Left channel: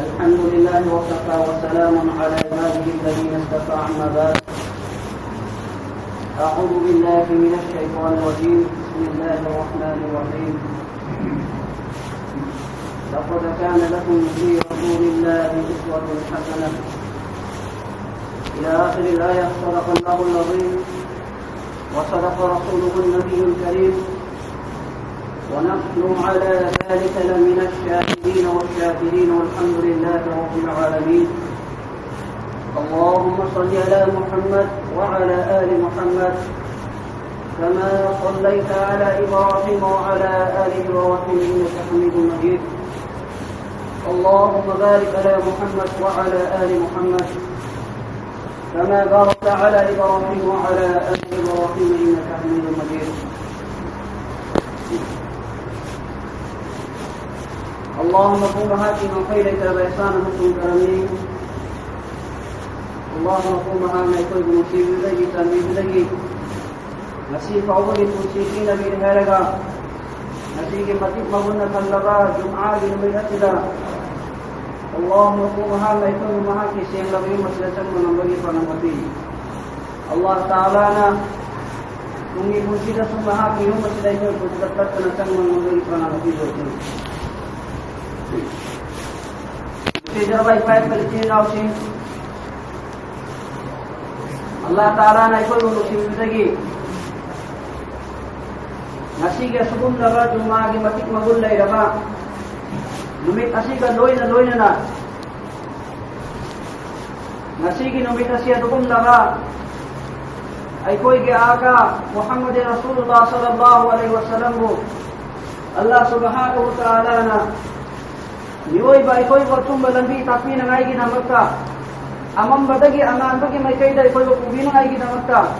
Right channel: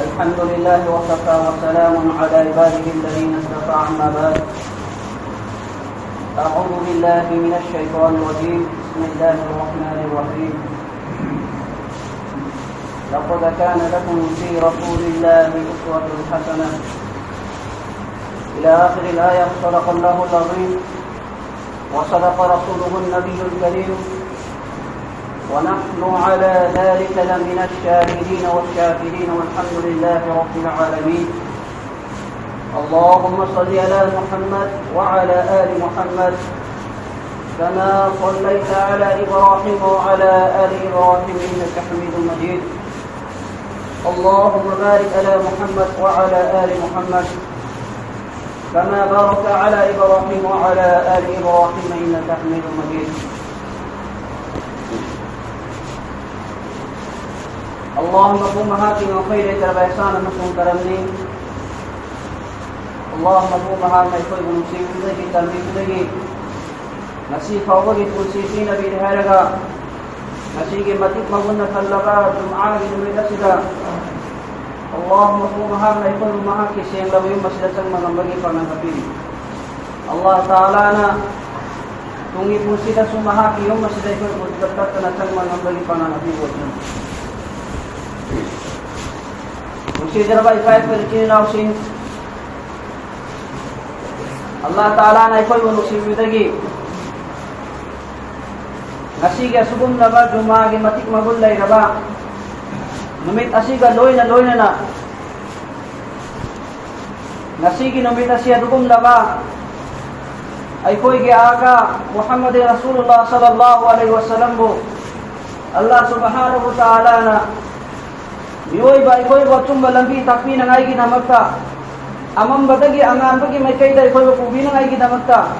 الحمد لله وكفى وسلام على عباده الذين اصطفى أما بعد أعوذ بالله من الشيطان الرجيم بسم الله الرحمن الرحيم لقد كان لكم في رسول الله أسوة حسنة إلى آخر الآية. صدق الله العظيم وصدق رسوله النبي الكريم ونحن على ذلك لمن الشاهدين والشاكرين والحمد لله رب العالمين. اللهم صل على محمد وعلى آل محمد كما صليت على إبراهيم وعلى آل إبراهيم إنك حميد مجيد. اللهم بارك على محمد وعلى آل محمد كما باركت على إبراهيم وعلى آل إبراهيم إنك حميد مجيد. اللهم قم هاتنا وخيرك بإحسان مسلم كرمني. اللهم قم هاتنا كل مصيبة لك تميز لك نسيب أولي المسيبين بإنهارها نسيب متك مهنة اللقاء جمعان من أسلا. اللهم قم هاتنا كل مهاك سيئن لوهم مسلسك من نبغي فمن حبيب الله تعالى مungkin mesti dah semua hak yang mesti dah ikut berdekat dengan cakap memberi panah nabi buatnya. Mesti terbaik baik berciri rausin. Allah Taala nak ikut musibah lagi. Nasi ke sebelum laba cuma ke matik magul lagi laba. Numit asi ke doi na. Nasi ke numit asi adum laba. ay koy ke aga Muhammad Rasulullah sallallahu alaihi wasallam ko Allah subhanahu wa ta'ala na niyoy ba koy ba tumbalambi takmi na ngai ginamagka amam badagi angan bagi may kay da koy ba pubi na ngai ginamagka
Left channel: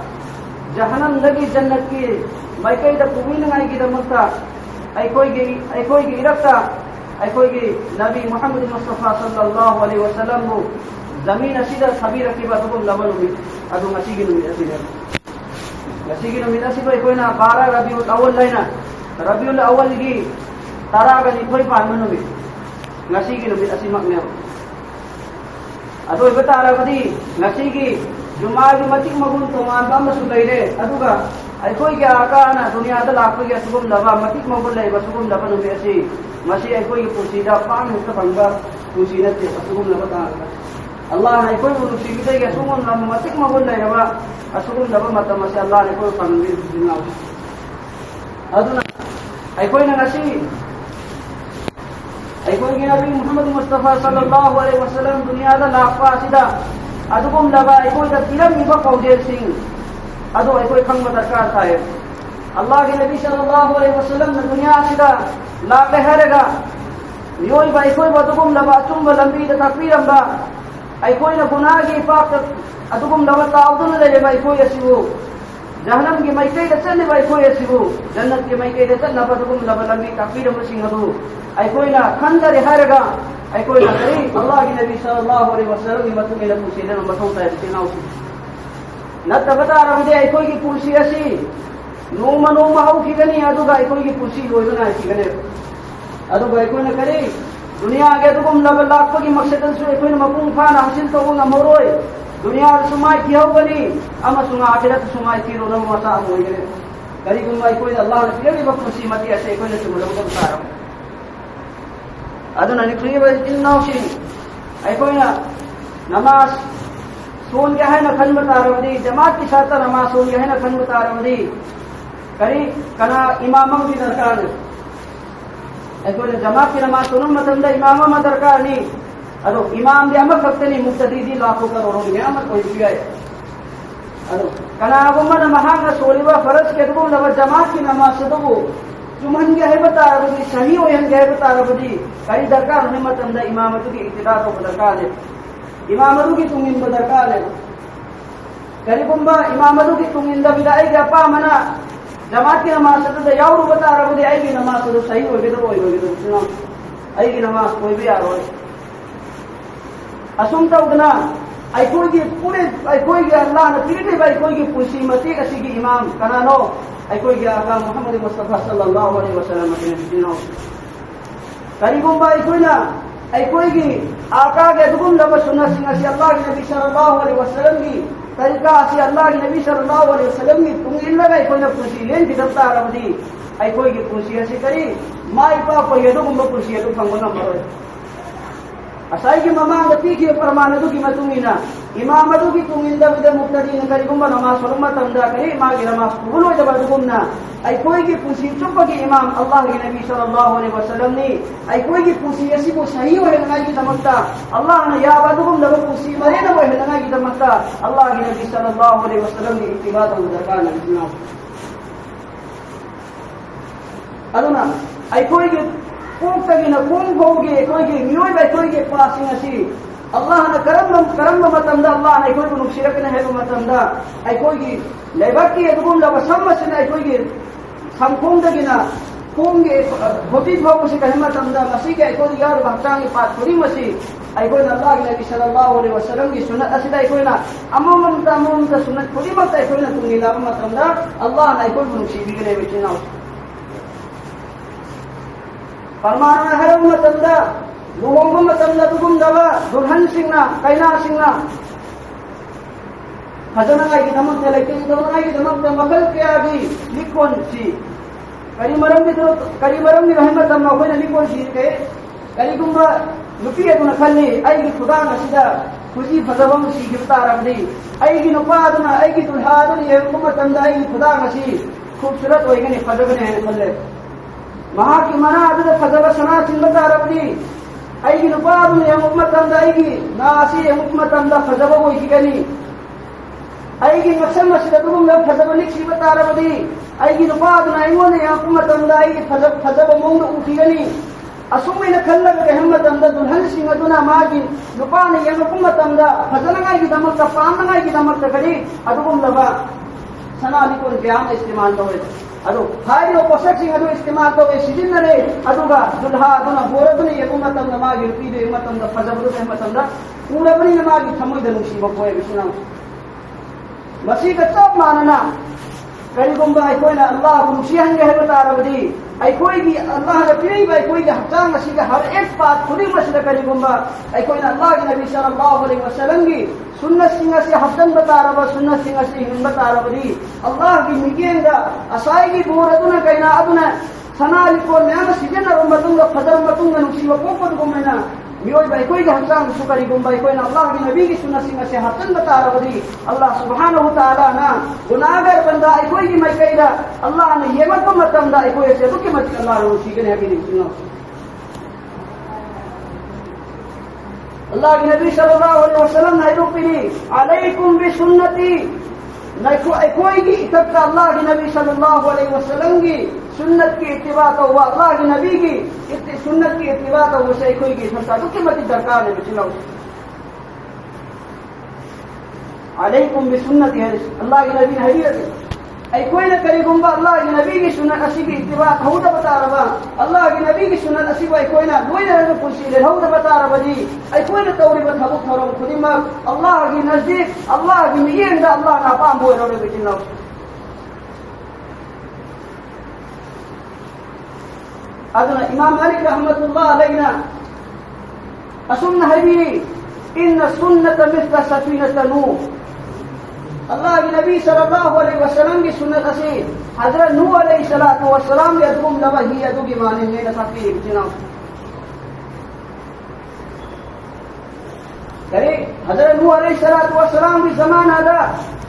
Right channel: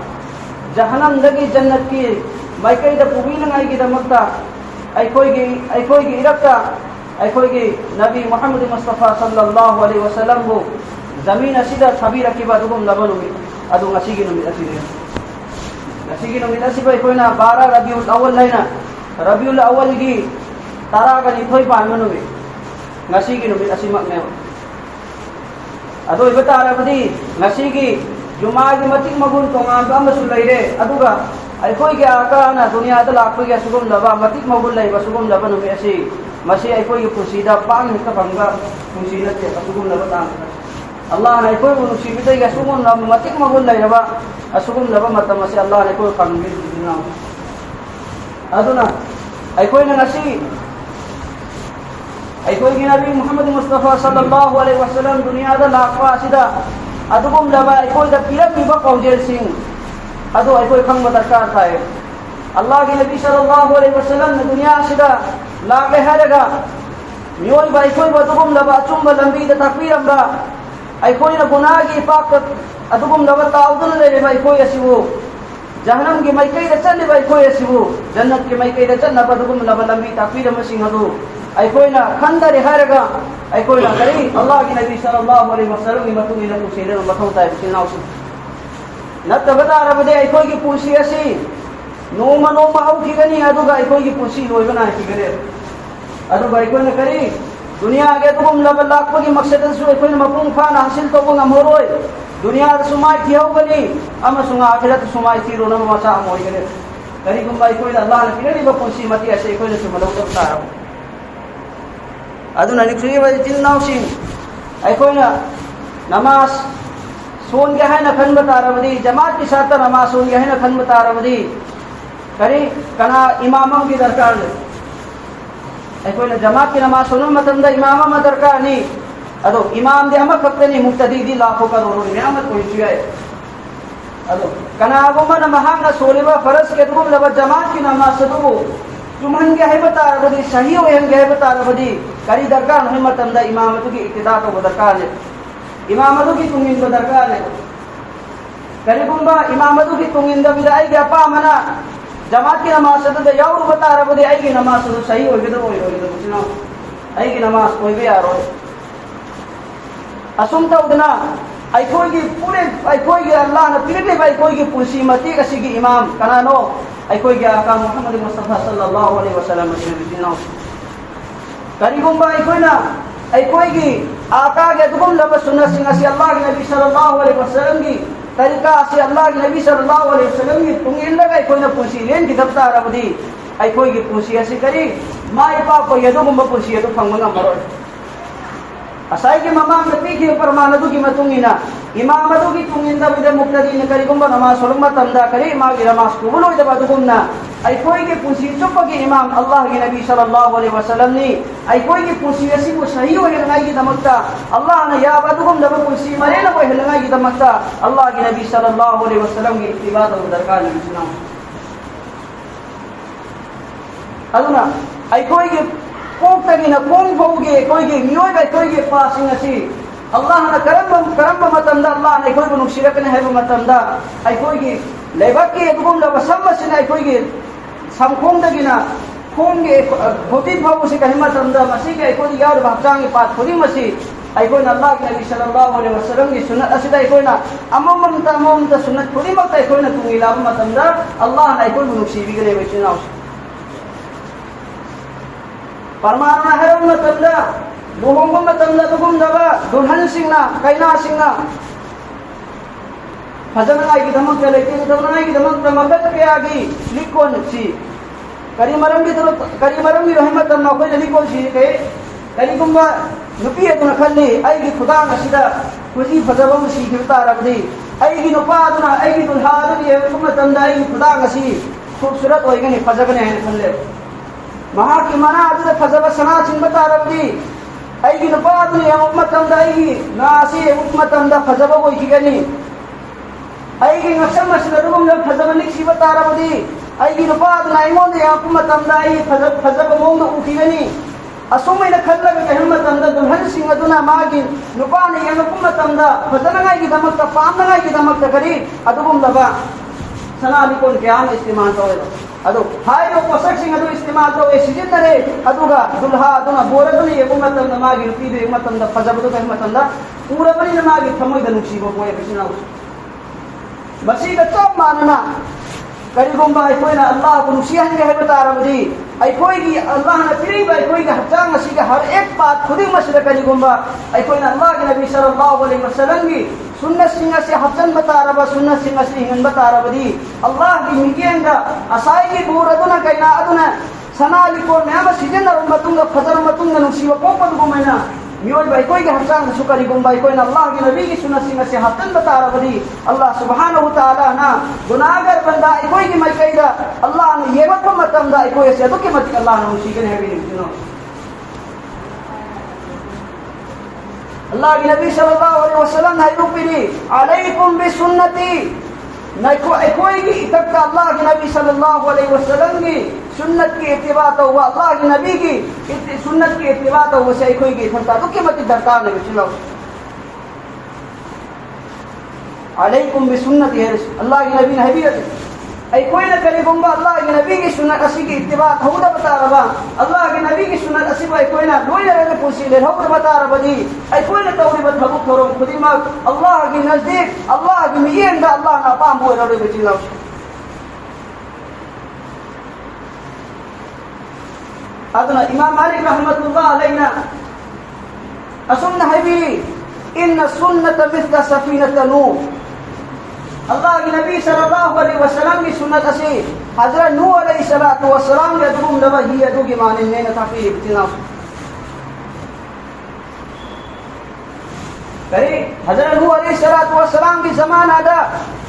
jahanam lagi jannat ki may kay da pubi na ngai ginamagka ay koy ke irakta ay koy ke Nabi Muhammad Mustafa sallallahu alaihi wasallam ko zamin asida khabira ki ba tum laban ubi adung asigi no asida asigi no asibay koy na para Rabiul Awwal na Rabiul Awwal gi tara ga ni koy pa manubi ngasigi no asimak ne ado ibata ara badi ngasigi jumaagi matik magun tongan ba masulay re aduga ay koy gi aka na dunia da lakpo gi sugum laba matik magun lay basugum laba no asi masi ay koy pusida pang ni ka bangga pusina ti basugum laba ta Allah na koy musibita ga sugum na matik magun lay ba asugum laba mata masi Allah na koy pangmi dinaw aduna ay koy na nasi ay koy Nabi Muhammad Mustafa sallallahu alaihi wasallam dunia da lakwa sida adugum laba ay koy da piram ni ba kaujel sing adu ay koy khang matakar tayo Allah ke Nabi sallallahu alaihi wasallam na dunia sida lakle haraga niyoy ba ay koy adugum laba chumba lambi da takbiram ba ay koy na gunagi pakat adugum laba taudun le ay koy asiwo jahannam ki mai kai da channi ba ay koy asiwo jannat ki mai kai da channa ba adugum laba lambi takbiram sing hadu ay koy na khandare haraga ay koy na kari Allah ki Nabi sallallahu alaihi wasallam ni matung ila pusira matung tayo sinausi natabata arabde ay koy ki pusi asi numa hau ki gani aduga ay koy ki pusi loy bana ki gane aduga ay koy na kari dunia age adugum laba lakpo ki maksadan su ay koy na mapung fa na hasil to mga moroy dunia sumai tiyaw bani ama sunga akhirat sumai tiro na masa amoy gane kari kung ay koy na Allah na pinari ba pusi mati asi ay koy na sumalaw ka tayo aduna niksuyi ba jinausin ay koy na namas सोन के है न खन बतारवदी जमात के साथ नमाज सोन के है न खन बतारवदी करी कना इमामों की दरकार है कोई न जमात की नमाज सुनो मतलब इमामा में दरकार नहीं अदो इमाम दे अमक करते नहीं मुक्तदी दी लाखों करोड़ों में अमत कोई चुया है अदो कना आगो में नमाज का सोलेबा फरज के तो लब जमात की नमाज से तो तुमन के है बतारवदी सही हो हम के बतारवदी करी दरकार नहीं मतलब इमामत की इक्तिदा का दरकार है imamadu ki tungin ko darkar hai kare kumba imamadu ki tungin da bidai ga pa mana jamaat ki namaz se to yauru bata rabde ai ki namaz to sahi hoye to hoye to suno ai ki namaz hoye be aro asumta udna ai koi ki pure ai koi ki Allah na pilate bai koi ki pusi mati kasi ki imam kanano ai koi ki aka Muhammad Mustafa sallallahu alaihi wasallam se bidino kare kumba ai koi na ꯑꯩꯈꯣꯏꯒꯤ ꯑꯥꯀꯥꯒꯤ ꯑꯗꯨꯒꯨꯝꯂꯕ ꯁꯨꯟꯅꯁꯤꯡ ꯑꯁꯤ ꯑꯜꯂꯥꯍꯒꯤ ꯅꯕꯤ ꯁꯜꯂꯜꯂꯥꯍु ꯑꯂꯩꯍꯤ ꯋꯁꯜꯂꯝꯒꯤ ꯇꯔꯤꯀꯥ ꯑꯁꯤ ꯑꯜꯂꯥꯍꯒꯤ ꯅꯕꯤ ꯁꯜꯂल्लाहु अलैहि वसल्लम की तुंग इल्लगा अखोइना पुंसी लेंगिदब तारबदी अखोइगी पुंसी असी करी माई पाप यदुगुंबा पुंसी अदु फंगबा ngamaroy असाइगी ममांग पीखि परमान अदुगी मतुंगिना इमाम अदुगी तुंगिंदबदा मुक्तदीन करिगुंबा नमाज सोलंबा तमदा करी मागी नमाज कुबुलोइदबा अदुगुंना अखोइगी पुंसी चुपगी इमाम अल्लाहगी नबी सल्लल्लाहु अलैहि वसल्लम नि अखोइगी पुंसी असी को सही ओहेलंगाइगी दमक्ता अल्लाह ने याब अदुगुंलबा पुंसी मरेना ओहेलंगाइगी दमक्ता अल्लाहगी नबी सल्लल्लाहु अलैहि वसल्लम की इत्तिबा तौ दरकार नबी सुनाओ अदुना अखोइगी कोंतगिना कोंगोगे अखोइगी मियोय अखोइगी पासिंग असी अल्लाह ना करम मतमदा अल्लाह ने अखोइगी नुसिरकने हैबा मतमदा अखोइगी लेबक्की अदुगुंलबा समसिना अखोइगी संखोंदगिना खोंगे होती भावसी कहे मतमदा मसी के अखोइगी यार हक्चांगी पात खुदी मसी अखोइना अल्लाह के नबी सल्लल्लाहु अलैहि वसल्लम की सुन्नत असिदा अखोइना अममता सुन्नत खुदी मत अखोइना तुंगिलाबा मतमदा अल्लाह ने अखोइगी नुसिबिगरे बेचनाओ परमाना है मतमदा लुहोंगबा मतमदा दुगुंदबा दुल्हन सिंगना कैना सिंगना फजनागी दमक लेकिन दमनागी दमक मखल कयागी लिकोन सी करीमरंगी रहमत अखोइना लिकोन सी के करीगुंबा नुपी अदुना खल्ली अइगी खुदांग असिदा खुजी फजबम सी गिरतारबदी अइगी नुपा अदुना अइगी दुल्हा अदुनी येबु मतमदा अइगी खुदांग असी खूबसूरत होइगनी फजबने है खल्ले महा की मना अदुदा फजब सना चिंबतारबदी अइगी नुपा अदुनी यमुक मतमदा अइगी नासी यमुक मतमदा फजब होइगनी अइगी नक्सम असिदा दुगुम फजब निक्सी बतारबदी अइगी नुपा अदुना अइगोंद यमुक मतमदा अइगी फजब मोंग उठिगनी असोमैना खल्लगा गहम मतमदा दुल्हन सिंह अदुना मागी नुपाने यमुक मतमदा फजनगाइगी दमक्ता पामगाइगी दमक्ता करी अदुगुम दबा सनाली कोन क्याम इस्तेमाल तौरे अदु हायो पोषक सिंह अदु इस्तेमाल तौरे सिजिन्नरे अदुगा दुल्हा अदुना बोरदुनी यमुक मतमदा मागी रुपीदु यमुक मतमदा फजबदु गहम मतमदा पूरा बनी मागी थमोइदा नुक्सीबा कोय बिसनाउ मसीदा चप मानना करीगुंबा अखोइना अल्लाह को नुसिहंगे है बतारबदी अखोइगी अल्लाह ने पिरिबा अखोइगी हक्चांग असिगा हर एक बात खुदी मसला करीगुंबा अखोइना अल्लाह के नबी सल्लल्लाहु अलैहि वसल्लम की सुन्नत सिंह से हसन बतारबा सुन्नत सिंह से हिंग बतारबदी अल्लाह की मिकेंगा असाइगी बुरदुना कैना अदुना सनाली को न्याम सिजन मतुंगा फजर मतुंगा नुसिबा पोपद गुमैना मियोय भाई कोई के हसान सुकरी गुंबाई कोई ना अल्लाह की नबी की सुन्नत से हसन बतारबदी अल्लाह सुब्हानहु व तआला ना गुनाहगार बंदा कोई की मत कइदा अल्लाह ने ये मत मतमदा कोई से तो के मत अल्लाह ने उसी के है भी सुनो अल्लाह के नबी सल्लल्लाहु अलैहि वसल्लम ने रुपी अलैकुम बिसुन्नती नको कोई की तक अल्लाह के नबी सल्लल्लाहु अलैहि वसल्लम की सुन्नत की इत्तिबा तो हुआ अल्लाह के नबी की सुन्नत की इत्तिबा तो उसे कोई की था तो के मत दरकार है बिचलो अलैकुम बिसुन्नती है अल्लाह के नबी ने हदीयत ऐ कोई न करे गुंबा अल्लाह के नबी की सुन्नत असी की इत्तिबा होदा बता रहा अल्लाह के नबी की सुन्नत असी भाई कोई ना लोई रहे पूछी ले होदा बता रहा जी ऐ कोई न तौरी बद बहुत थोरो खुदी मा अल्लाह के नजदीक अल्लाह की मियन दा अल्लाह ना पाम बोल रहे बिचलो अदना इमाम मालिक रहमतुल्लाह अलैना असुन्ना हबी इन सुन्नत मिस्ल सफीनत नूह अल्लाह की नबी सल्लल्लाहु अलैहि वसल्लम की सुन्नत असी हजरत नूह अलैहि सलातु वसलाम के दुगुम लबा ही दुगी माने ने न काफी बिचना करे हजरत नूह अलैहि सलातु वसलाम की जमाना दा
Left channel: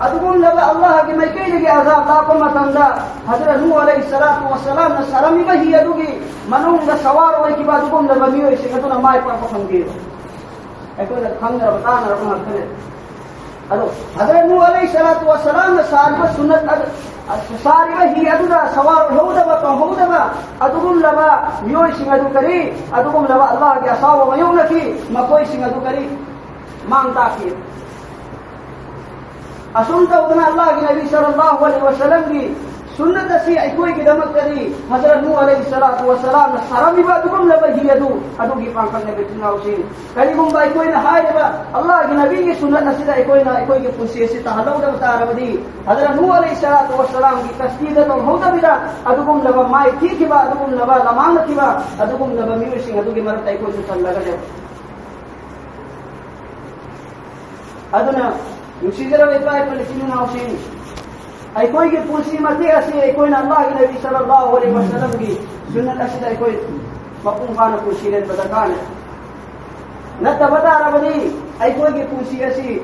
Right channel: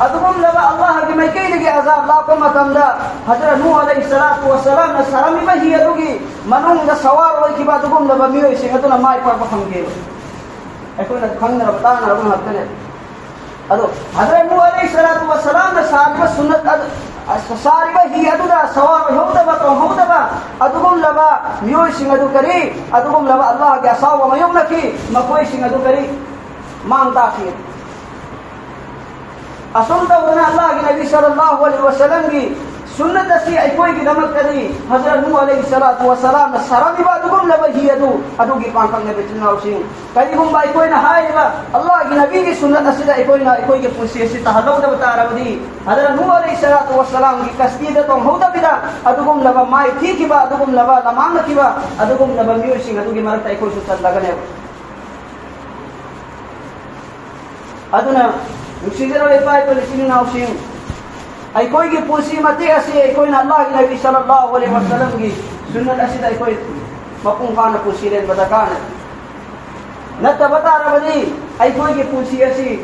अदुगुम लबा अल्लाह की मैं कई लगी अजाब ला को मतंदा हजरत नूह अलैहि सलातु वसलाम न सरमी में ही दुगी मनुंग दा सवार होई की बात दुगुम लबा मियो से तो न माय पर पखंगे एको न खंग न बता न अपन हतने अदो हजरत नूह अलैहि सलातु वसलाम न सारी सुन्नत सारी ही अदुदा सवार होदबा को होदबा अदुगुम लबा मियो सिंग अदु करी अदुगुम लबा अल्लाह के असाव मयुम नकी मकोई सिंग अदु करी मांगता की असुनता उना अल्लाह की नबी सल्लल्लाहु अलैहि वसल्लम की सुन्नत असी अखोई की दमक करी हजरत नूह अलैहिस्सलातु वस्सलाम सरमी बा दुगम लबही अदु अदुगी पाखक ने बिचनाव सिंह करीबु बा अखोई ना हाइबा अल्लाह की नबी की सुन्नत असी अखोई की पुसी असी तहदौ द बतारबदी हजरत नूह अलैहिस्सलातु वस्सलाम की कस्ती द तो हौदा बिदा अदुगम लब माई थी की बा अदुगम लब लमांग की बा अदुगम लब मिउ सिंह अदुगी मरत अखोई सुन लगने अदुना नुसिजरा लेपाय तो लिसिनु नाउ सिंह अखोई की पुसी मते असी अखोई अल्लाह की नबी सल्लल्लाहु अलैहि वसल्लम की सुन्नत असी अखोई मपुंग काना पुसी ले बताकान नत बतारबदी अखोई की पुसी असी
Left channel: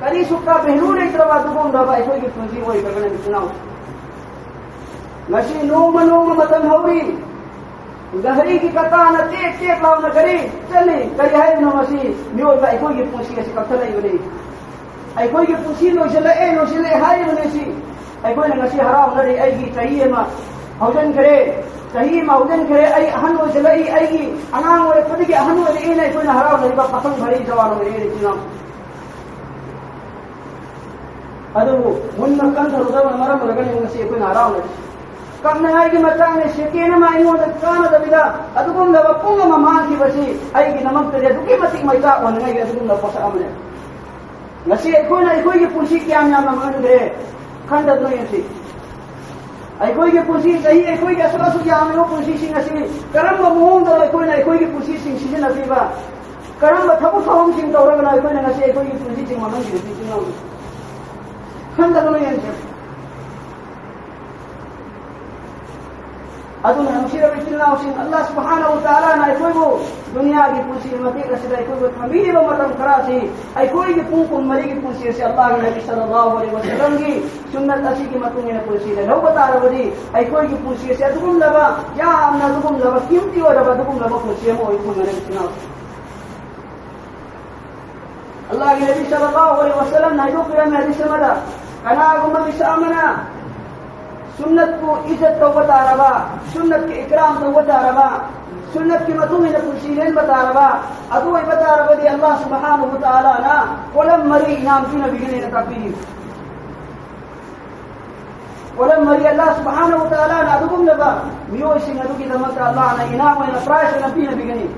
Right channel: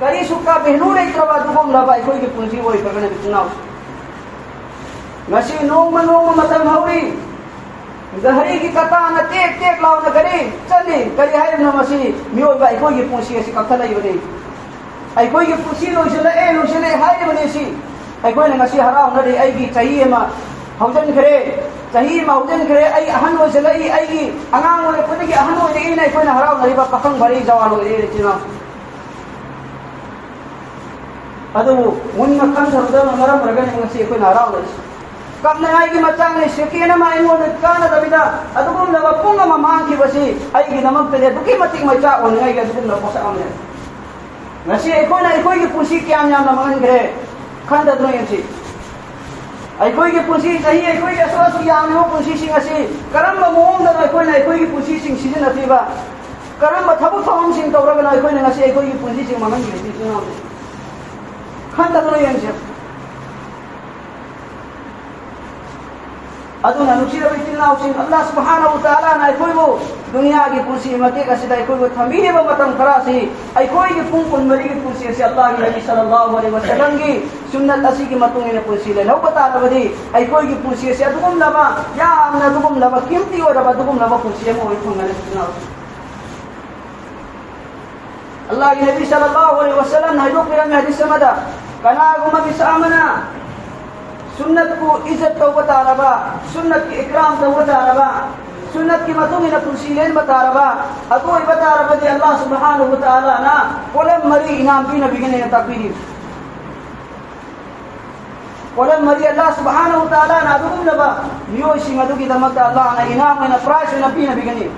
करी सुका बहनु ले त्रवा दुगम लबा अखोई की पुसी मोय करने बिचनाउ नसी नो मनु मतम हौरी गहरी की कका न टेक टेक लाव न करी चली करी हाय न मसी मियो बा अखोई की पुसी असी कथा नहीं बनी अखोई की पुसी लो चले हाय बने सी अखोई नसी हराव नरे अगी चाही मा हौजन खरे चाही मा हौजन खरे आई अहन हो चलई अगी अंगांग हो खुद की अहन हो दी ने अखोई हराव नहीं बा पखंग भरी जवान हो रे चिना अदु मुन्न खन सरुदर मरम रगने नसी अखोई हराव नसी कम ने आई की मचांग ने शकीन मा आई मोद कान दबिदा अदुगुम लब पुंग मा मान की बसी आई की नमक ते दुकी मति मचा ओन आई के अदुगुम लब पोसा अमने नसी अखोई की पुसी क्या नाम लमन गए खंड नहीं सी अखोई की पुसी सही अखोई के असवासु याम वो पुसी सिंह असी करम मुंग द अखोई की पुसी सिंह सिजन अतीबा करम थबु थवम सिंह तौरगना अखोई ने नसी अखोई की पुसी सिंह मनन गिरती सुनो खंड नहीं सी अदुना नुसिर बितिनाउ सिंह अल्लाह सुब्हानहु व तआला ना अखोई वो दुनिया की पुसी मते कसिदा अखोई वो थमीने ब मतम खरा सी अखोई की पुंग कुन मरी की पुसी से अल्लाह के नबी सल्लल्लाहु अलैहि वसल्लम की सुन्नत असी की मतुंग ने पुसी ले लो बता रबदी अखोई की पुसी से अदुगुम लबा या अमना दुगुम लबा कीमती और दुगुम लबा पुसी मो कुन मरे सुनाओ अल्लाह के नबी सल्लल्लाहु अलैहि वसल्लम ने जो में हदीस समझा कना गुम बिसामना सुन्नत को इज्जत तो बता रहा सुन्नत के इकराम तो बता रहा सुन्नत की मतुंग ने पुसीलेन बता रहा अदु बता रहा दे अल्लाह सुब्हानहु व तआला ना कोलम मरी इनाम की नबी ने तकबीर कोलम मरी अल्लाह सुब्हानहु व तआला ना अदुगुम लबा मियो सिंह अदु की दमक अल्लाह ना इनाम ने प्राइस नबी ने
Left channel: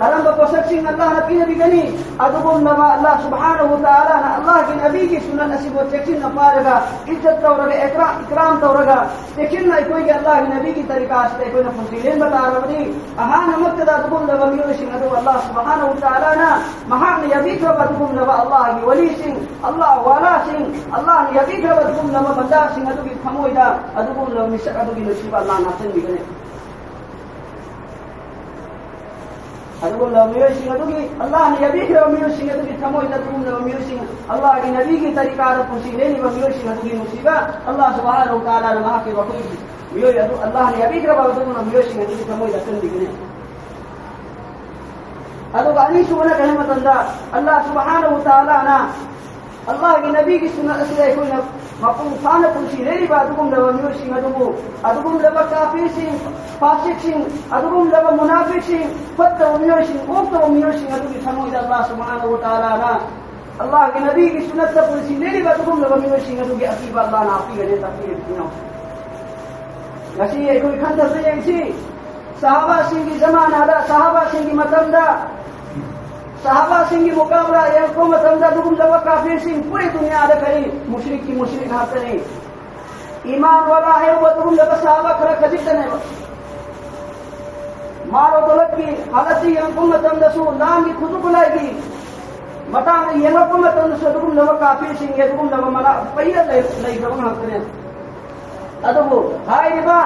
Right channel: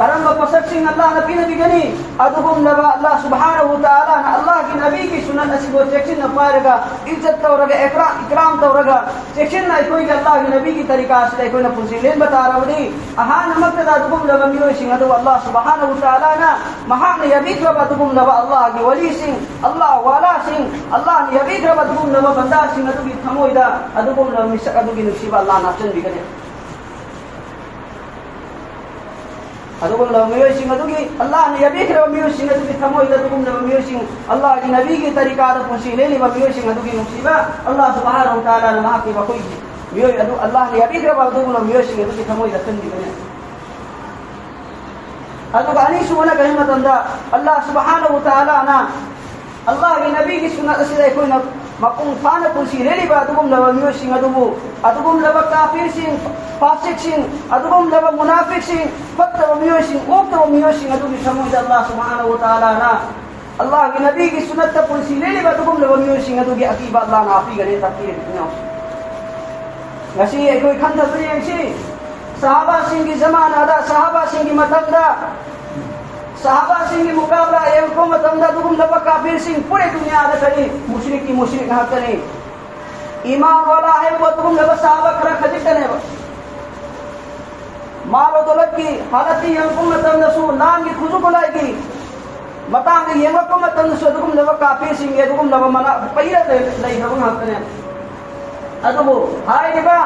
करम बपसक सिंह अल्लाह नबी ने बिगनी अदुगुम लबा अल्लाह सुब्हानहु व तआला ना अल्लाह की नबी की सुन्नत नसीब और चेक्शन न पाएगा इज्जत तो रगा इकराम तो रगा चेक्शन ना कोई के अल्लाह की नबी की तरीका से कोई न पुसीलेन बता रहा दी आहा नमक का अदुगुम लबा मियो सिंह अदु अल्लाह सुब्हानहु व तआला ना महा ने यबी का अदुगुम लबा अल्लाह की वली सिंह अल्लाह वाला सिंह अल्लाह ने यबी का अदुगुम लबा बंदा सिंह अदु की थमोइदा अदुगुम लबा मिसक अदु की नसीब अल्लाह नाचन बिगने अदुगुम लबा मियो सिंह अदु की अल्लाह ने यबी का मियो सिंह अदु की थमोइदा अदुगुम लबा मियो सिंह अल्लाह की नबी की तरीका अदु पुसीलेनी व मियो सिंह अदु की नसीबा अल्लाह सुब्हानहु व तआला ने माफ के बकोई मियो अदु अल्लाह ने यबी का अदुगुम लबा मियो सिंह अदु की थमोइदा तन बिगने अदु गानी सुना रहमत अल्लाह सुब्हानहु व तआला ना अल्लाह की नबी की सुन्नत से कोई न मपुंग फाना पुसीलेनी बा अदुगुम लबा मियो सिंह अदुगुम लबा काफिर सिंह फासिक सिंह अदुगुम लबा मुनाफिक सिंह फत्त मियो सिंह ओक्त मियो सिंह अदु की समझ अल्लाह सुब्हानहु व तआला ना अल्लाह के नबी की सुन्नत से पुसीलेनी बा अदुगुम लबा मियो सिंह अदु की अकीबा अल्लाह ना आपी गने तकबीर बिना नसी कोई खंत तो सी सहाबा सिंह की जमाना दा सहाबा सिंह की मतमदा सहाबा सिंह की मुकाबला ये को मतमदा दुगुम लबा काफिर सिंह पूरी दुनिया आदा करी मुशरिक की मुशरिक हाथ नहीं ईमान वाला है वो दुगुम लबा सहाबा करा खजित ने मारो दौलत की हालत ही हमको मतमदा सु लान की खुद को लाएगी बताएंगे ये लोग को मतमदा सु दुगुम लबा काफिर सिंह ये दुगुम लबा मना पहिया नहीं दुगुम हाथ ने अदबो हाय दिबा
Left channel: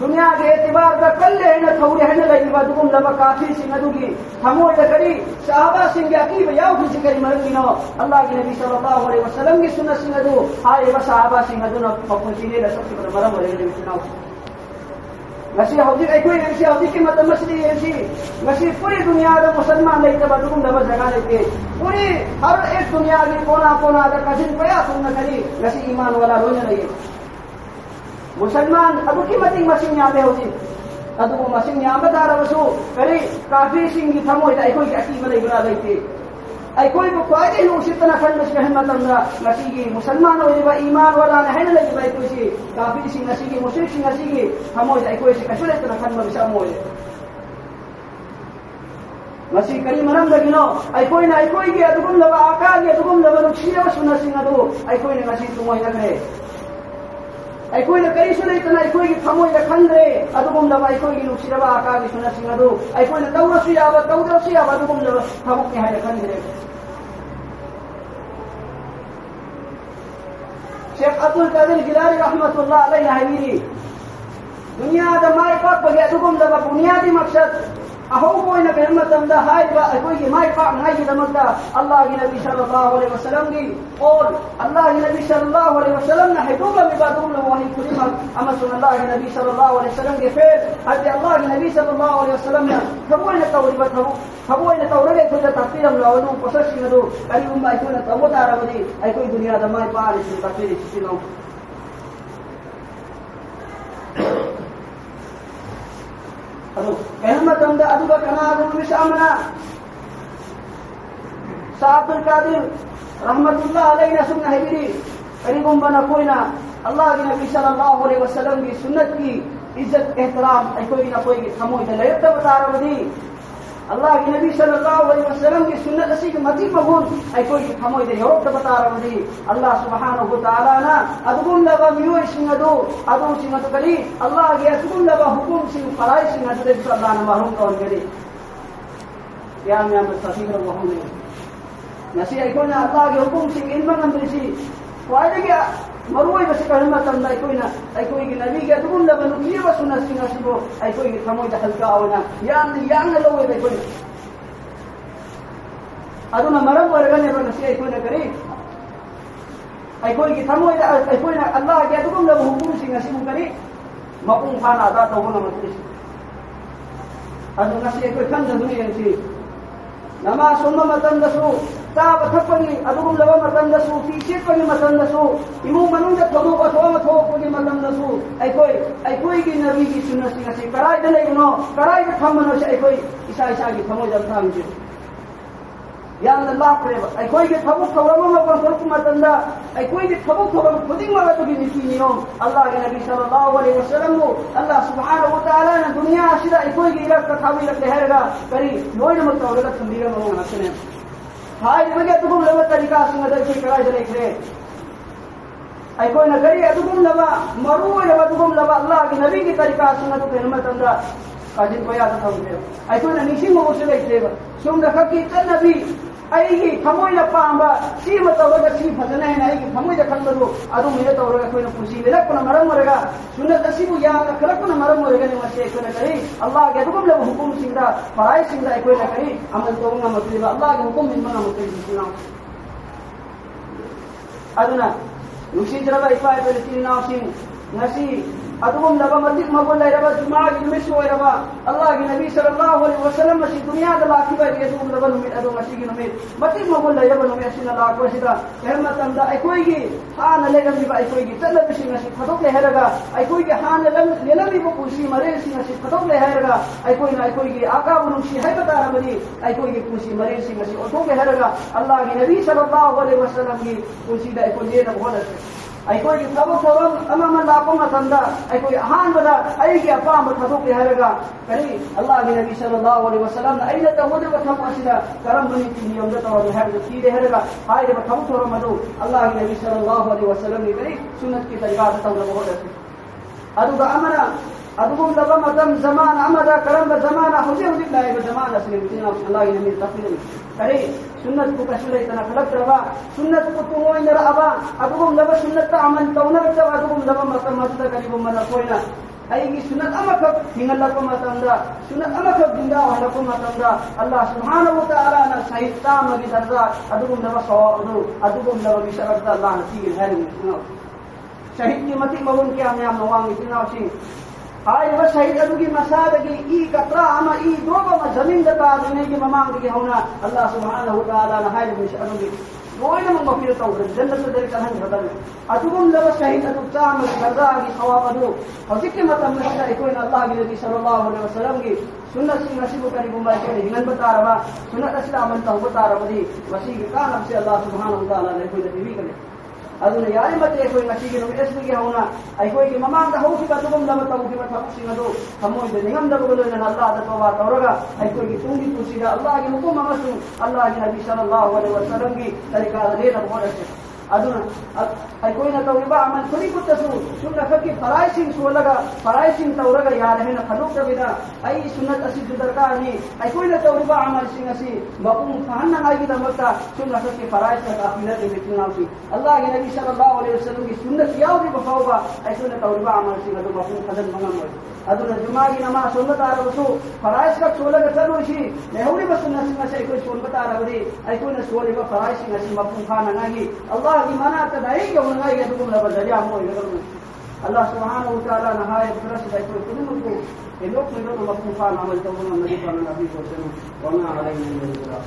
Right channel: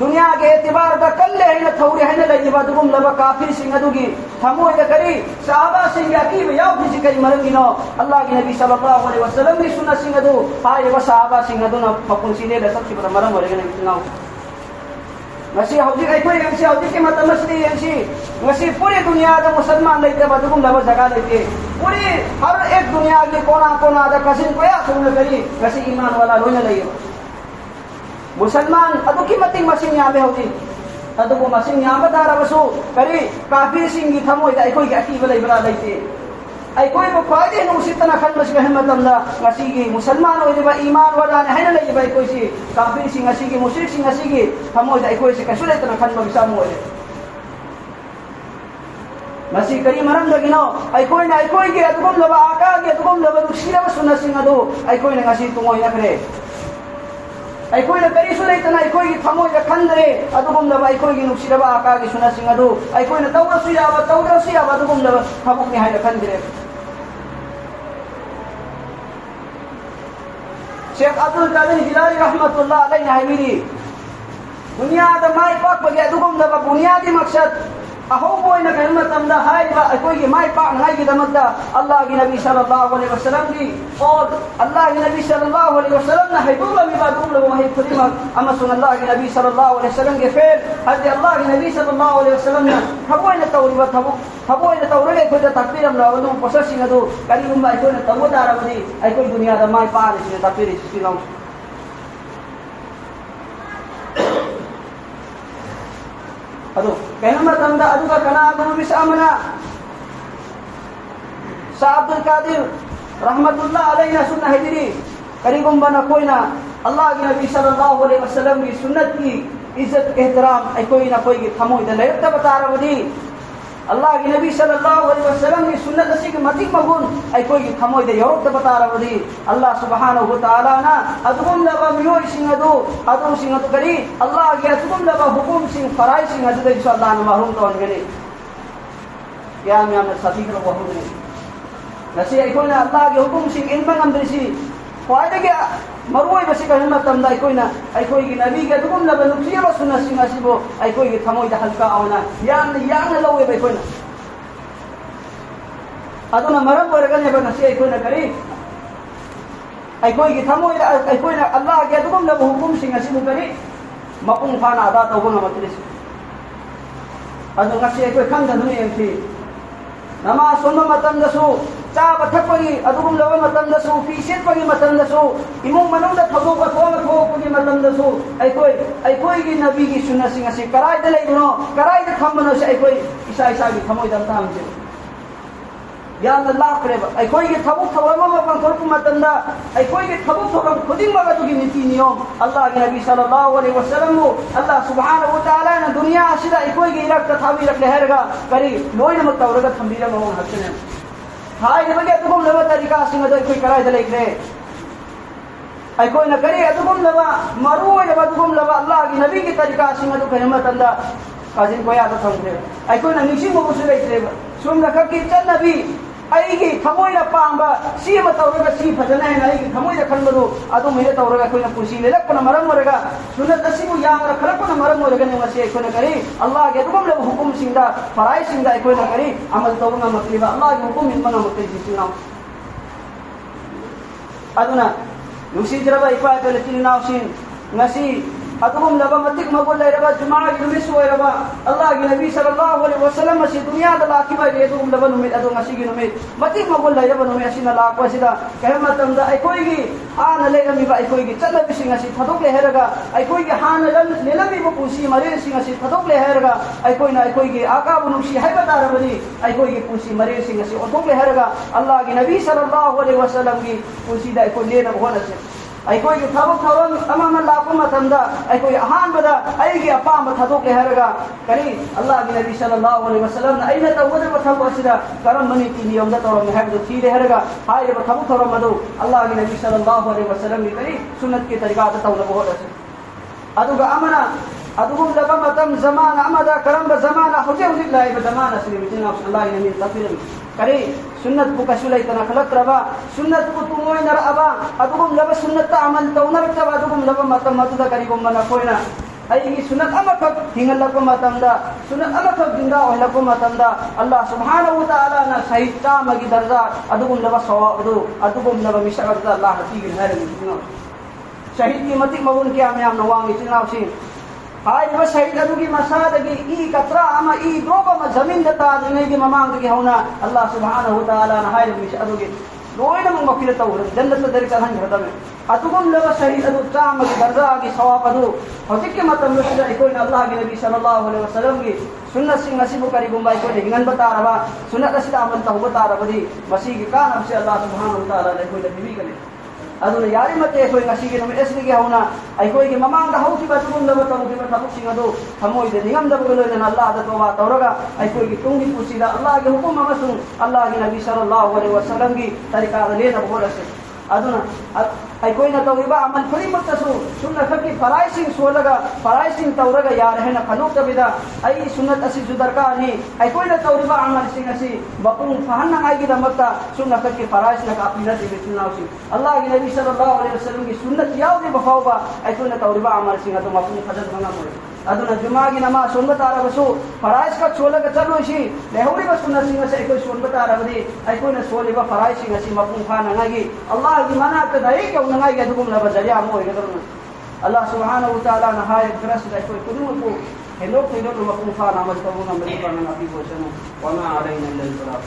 दुनिया के एतबार का कल्ले है न थौरी है न लगी बा दुगुम लबा काफिर सिंह अदुगी थमो इद करी सहाबा सिंह अकीब याव किसी करी मरंगी नो अल्लाह के नबी सल्लल्लाहु अलैहि वसल्लम की सुन्नत सिंह अदु हाय बा सहाबा सिंह अदु न फकुन सीने ल सब की मरम मरे ने इतनाओ नसी होदी कोई एमसी होदी के मतलब मसली एमसी नसी पूरी दुनिया का मुसलमान नहीं थे दुगुम लबा जगह देते पूरी हर एक दुनिया के कोना कोना का कसिन कोया सुन करी नसी ईमान वाला होने लगे मुसलमान अदु की मतिंग मसिंग याबे होदी अदु को मसिंग याबे दारा बसो करी काफिर सिंह की थमो इदा कोई अकीब नहीं बना लेते أيكوي بقاعدين وستنا خل مش بهم تمنا نسيجي مسلمان وإذا إيمان ولا نحن لا يبغى يكوي شيء كافر شيء نسيجي مشرك شيء نسيجي هموي أيكوي شيء كشولة تنا خل ما بيساموه مسيح كريم مرام لكنه أيكوي كي أتقوم لبا أكاد أتقوم لبا نشيله وسنة سينادو أيكوي نعسي تموي نكره أيكوي نكري سنة تنا أيكوي كي ثموي نخندره أتقوم لبا أيكوي كي نشيله با أكاد سنة سينادو أيكوي نتورا سيا أتقوم لبا ثموك نهاية نخندره شيخ عبد القادر الجيلاني رحمة الله عليه هيميري بنياد ما يفاق بقي أتقوم لبا بنياد مقصد أهو بوينا كلمة تمدا هاي أكوي ما يفعل هاي تمدا الله النبي صلى الله عليه وسلم دي قول الله النبي صلى الله عليه وسلم نحي دولا ببادولا وهي كلمة أما سن الله النبي صلى الله عليه وسلم كفير هدي الله النبي صلى الله عليه وسلم هبوينا توري هبوينا توري كذا تكفير من راودهم بسرسي ندو كلمة ما يكون توري دارودي أكوي دنيا ده ما يفعل شيء تكفير شيء لهم أدو كلمة تمدا أدو كنا أقول بسامنا عبد القادر رحمة الله عليه سنة هجري قريبا بنا كوينا الله النبي صلى الله عليه وسلم की सुन्नत की इज्जत एहतराम कोई ना कोई थमो इधर ले तब बता रहा हूँ अल्लाह के नबी सल्लल्लाहु अलैहि वसल्लम की सुन्नत ऐसी कि मती मगुन कोई थमो इधर योग तब बता रहा हूँ अल्लाह सुब्हानहु व तआला ना अदुम लबा मियो सिंगदो अदुम सिंगत करी अल्लाह के अदुम लबा हुकुम सिंग फराइ सिंगदो इंशाअल्लाह न माहूम तो अनगने क्या मैं आप सभी को बहुने नसी कोई ना अल्लाह के हुकुम सिंग इन पर हम देसी फायदे क्या मरुई बस कहना तमदा कोई ना कोई की नबी के दुगुन लबा नुक्सिया व सुन्नत सिंगासिबो कोई की थमोई द हल्का आवना यान लवे बे कोई ना अदुना मरम वर्गन ने नसी कोई ना करी कोई की थमोई कोई ना अल्लाह के दुगुन लबा हुकुम सिंगासिबो करी मकुम फाना अदा तो गुना मतलिस अदुना से कोई खंग दुनिया थी नमा सोनो मतन दसो चाव थपगी अदुम लव मतन दसो फीसे पगी मतन दसो इमु मनुंग द थदो ब थो पगी मतन दसो कोई की नबी की सुन्नत सिंग से कराय द लेनो कराय द थमनो से कोई ईसा की थमोय दम थाम जे या अल्लाह करे कोई के थबु थवरम म बंकर मतन दा कोई के थबु थवरम खुदिन मगा तो की नीति नियम अल्लाह के नबी सल्लल्लाहु अलैहि वसल्लम को अल्लाह सुब्हानहु व तआला ने दुनिया आसिदा कोई की रक्त थावी रख लेहरगा करी लोय न मतवरगा थंबीरा म हसने हाय बजे तुम लव तरीका सिंह कोई कराय दले करे कोई न करे तुम लवा मरो लवा तुम लवा अल्लाह के नबी की तरीका सिंह तो कहमत अंदा काजिन कोई आदत हमदे कोई न निसी मो उसे लेते सुन रख की चल नबी अईगी थमोय पांबा सी मतवरगा सी फजने है अईगी थमोय खंबदो अदु मे तवरगा कोई न खुशी ले लक न मरम मरगा सुन्नत असीबु या खरक न मरम मरगा ने मसे कोई न करे अल्लाह के तुम ले हुकुम सिंदा फराइ सिंदा कोई न करे अमल तो न मकलीबा अल्लाह के हुकुम इन बना होते जिसना अदुना युसी जरबा इफा तो ले तिनाव सिन नसी अदुम लबा मतिक मगल ले रबा जुमा युमिस हो रबा अल्लाह के नबी सल्लल्लाहु अलैहि वसल्लम मसी दुनिया द लाकी बाय ले तुम लबा नुमे अदु मसी की नुमे मतिक मगल ले रबा नुमे सिना ला को सिदा कहमा तंदा कोई की हान ले रमी बा कोई की चल बि सिंगा सि थदोक ले हेरगा कोई की हान ले लमी बु कुसी मरे सिंगा सि थदोक ले हेरगा कोई ना कोई की आका बुनुसी है बता रबली कोई की कुसी मरे सिंगा सि थदोक ले हेरगा अल्लाह के नबी सल्लल्लाहु अलैहि वसल्लम की कुसी दा कोई ले न होला से कोई की थबक थोरम अमम लाको मतंदा कोई हान बदा की अपाम थदोक ले हेरगा करी अल्लाह के नबी सल्लल्लाहु अलैहि वसल्लम ने अइना तवदे बथबो सिदा करम मनी की नियम दा तोरा में है की ले हेरगा हाय रे बथबो थोरम मदो अल्लाह के नबी सल्लल्लाहु अलैहि वसल्लम ने करी सुन्नत की तरीका दा तोरा में होला से अदुगा अमरा अदुगुम लबा मतम जमान अमदा करम ब जमाना खुदे उदिल्लाह ब जमाना से बिजना सल्लल्लाहु अलैहि वसल्लम करे सुन्नत को कसुलै तना खलत रबा सुन्नत को तुमोय नर अबा अदुगुम लबा सुन्नत अमल तौनर तब अदुगुम लबा मतम मदुदा करी को मना कोइना की सुन्नत अमखक हिंगल को मतमदा सुन्नत अमखक जिंदा होला को मतमदा अल्लाह सुब्हानहु व तआला ना सहित मगी दर्जा अदुगुम लबा सवा अदुगुम लबा बिशरत अल्लाह की गैर शहीद की मति मरुन क्या मैं हम नवांग इतना सिंह हाय बस शहीद अदु की मसाद की ई कतरा अमा ई दोबा में जमीन दता दुनिया की ममांग की होना अल्लाह सुब्हानहु व तआला ना हाय मिश अदु की लोयना मग मफिर तौर जन्नत दर चलहन खतमे अतुगम लबा शहीद अदु चाम गजा की सवाब अदु हजिक के मतम में कोई अल्लाह के नबी सल्लल्लाहु अलैहि वसल्लम की सुन्नत सिंह नसीब करी गुंबाई को हिंगन बता रहा सुन्नत असिदा अमल तो बता रहा बदी मसीह के कान हमसे अल्लाह सुब्हानहु व तआला ने कोई नबी करे अदुने यारी मते कोई नसीब के नबी असली के होना आई कोई के ममांग दा होती बातुगम लबा तो की बता सिंह अदु हमोय दे निगम दब गलो ने अल्लाह दा तौबा तौरगा आई कोई की तुंगी कुसीदा अल्लाह के हुकुम मसू अल्लाह के नबी सल्लल्लाहु अलैहि वसल्लम की तरीका ले ना बोला अदुना आई कोई ना तौबा अमल कोई मुत्तसु सुन्नत की फराइसिंग सोलगा फराइसिंग तौरगा यार है ना खनो तबिदा आई सुन्नत असि जुदरका ने आई कोई ना तौबा अमल सिंग असि बकुम फहन ना की दमता सुन्नत की फराइस ना काफिला से बितनाउसी अल्लाह के नबी सल्लल्लाहु अलैहि वसल्लम की सुन्नत याव भी बखावा आई कोई ना तौबा अमल सिंग तो मफहूम फजल मंगा मोय अदुना जुमा की नमाज सुन्नत आरबसु फराइस का छोलगा चलो शी लेहुरी बस सुन्नत सिंग से कोई सुन्नत आरबदी आई कोई ना सोले बा फराइस सिंग असि मफहूम खाना नागी अल्लाह की मना का दई के उनंगा के दुम ला बजा मोय नगर अल्लाह सुब्हानहु व तआला नहाय तरस ले कोई कुदुम को हेलो मफहूम खाना अमल को हम नबी को नबी को सनु वमा अलैना इल्ला